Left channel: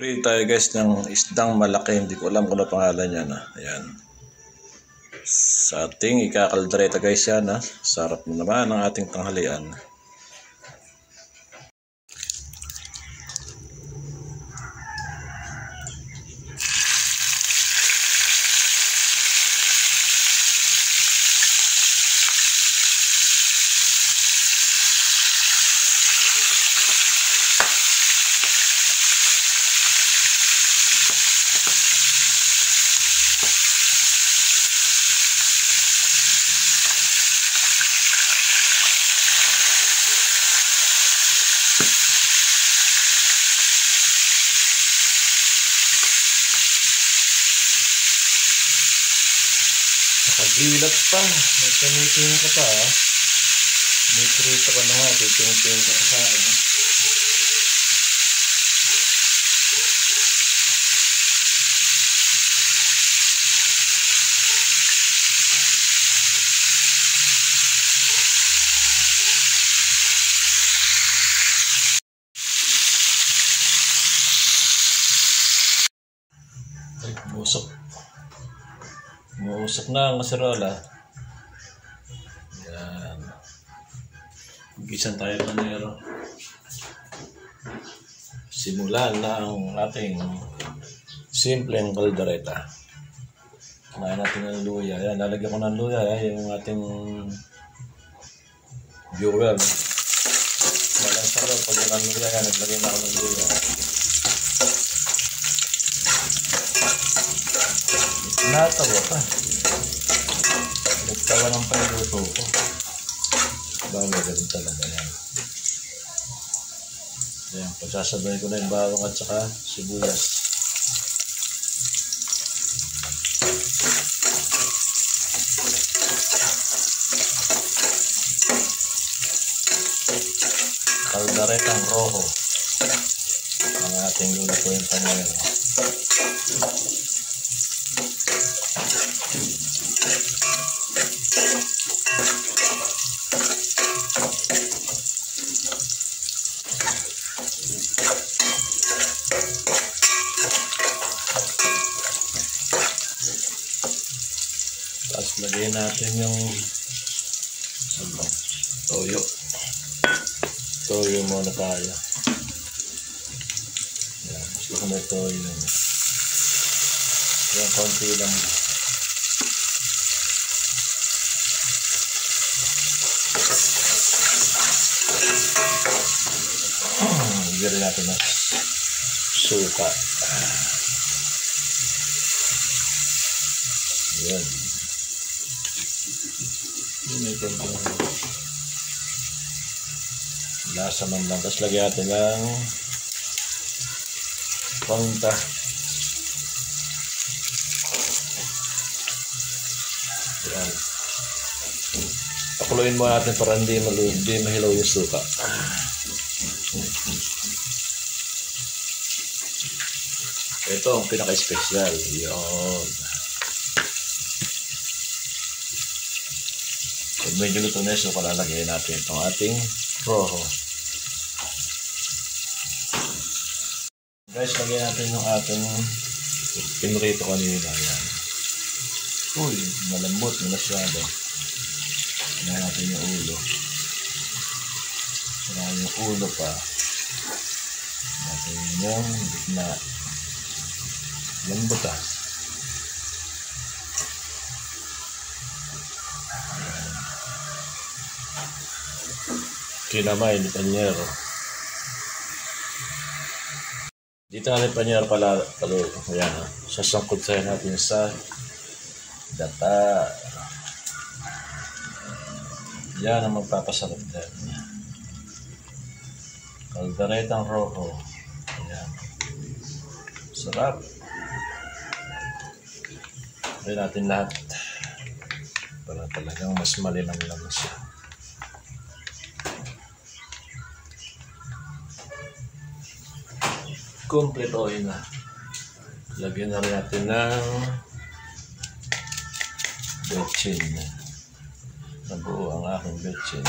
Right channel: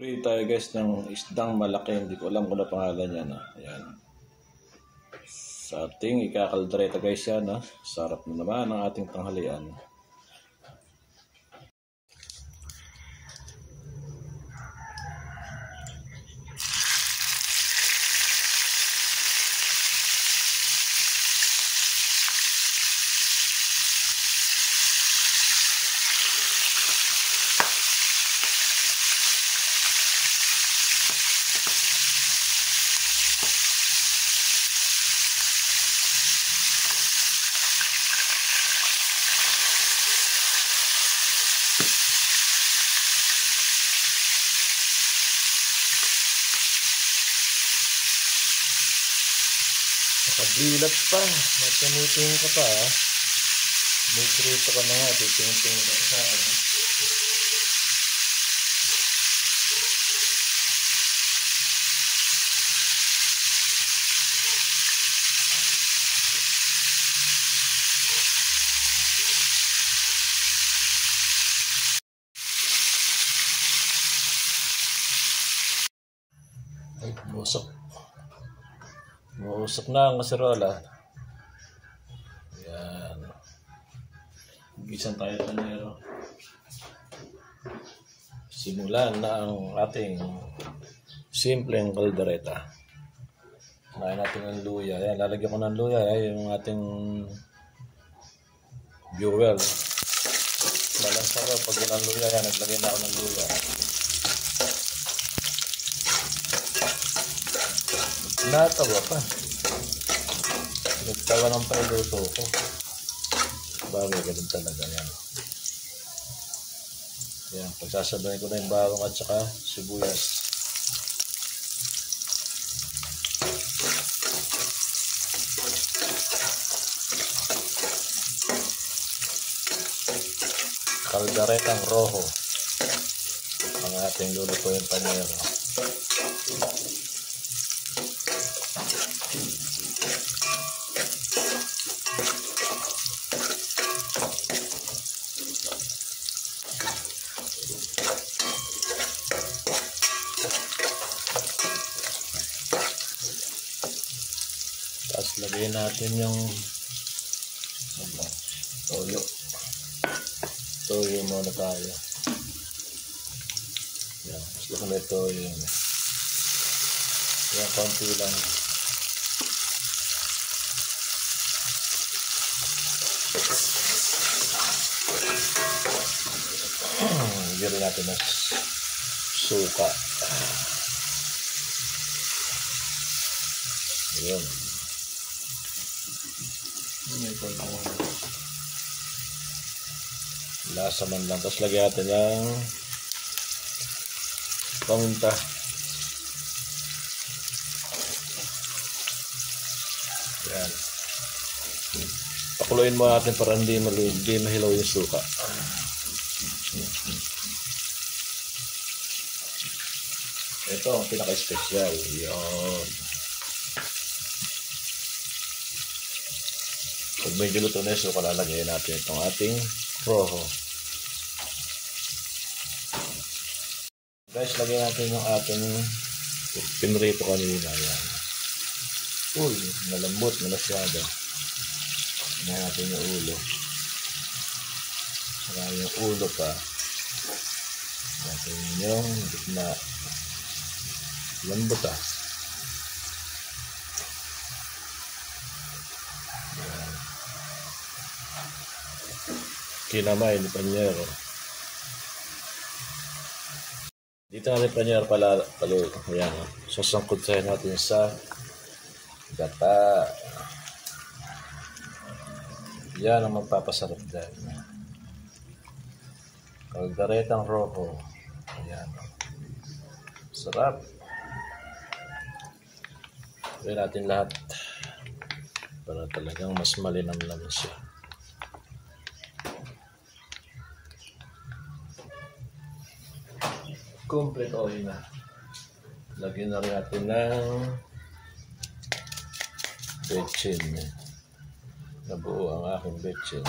Prito tayo guys ng isdang malaki, hindi ko alam kung ano pangalan niya na. Ayan. Sa ating ikakaldereta guys yan ha. Sarap naman ang ating tanghalian. Gilat pa, nagkamiting ka pa ha. May prito ka na nga, titingin ka sa amin. Usok na ang masarola. Yan. Gisan tayo panero. Simulan na ang ating simpleng kaldereta. Kumain natin ng luya. Yan, lalagyan ko ng luya. Yung ating viewer. Malang sarap pag ng luya. Yan, naglagay na ako ng luya. Natawa ka. Nagtawa ng pailuto ko. Bagay ganun talaga yan. Yan, pagsasabay ko na yung bawang at saka sibuyas. Kalderetang rojo ang ating lulutuin panyero. Tapos lagyan natin yung toyo. Toyo muna tayo. Yan, gusto ko may toyo. Yan, konti lang. Lagyan natin ng suka. Yan. Lasa man lang. Tapos lagyan natin ng paminta. Yan. Pakuluin mo natin para hindi mahilaw yung suka. Ito ang pinaka-special. Yan. Pag medyo luto na yung suka, lalagyan natin itong ating rojo. Guys, lagyan natin yung ating pinrito kanina. Yan. Uy, malambot na masyado. Lagyan natin yung ulo. Saka yung ulo pa. Natin yung gitna. Lambot ah. Kinamay ni panyero. Dito natin panyero paluto. Yan. Sasangkot tayo natin sa gata. Yan ang magpapasarap dyan. Kalderetang rojo. Yan. Sarap. Pwede natin lahat para talagang mas malinam lang siya. Complete oil na. Lagyan na rin natin ng betchin. Nabuo ang aking betchin.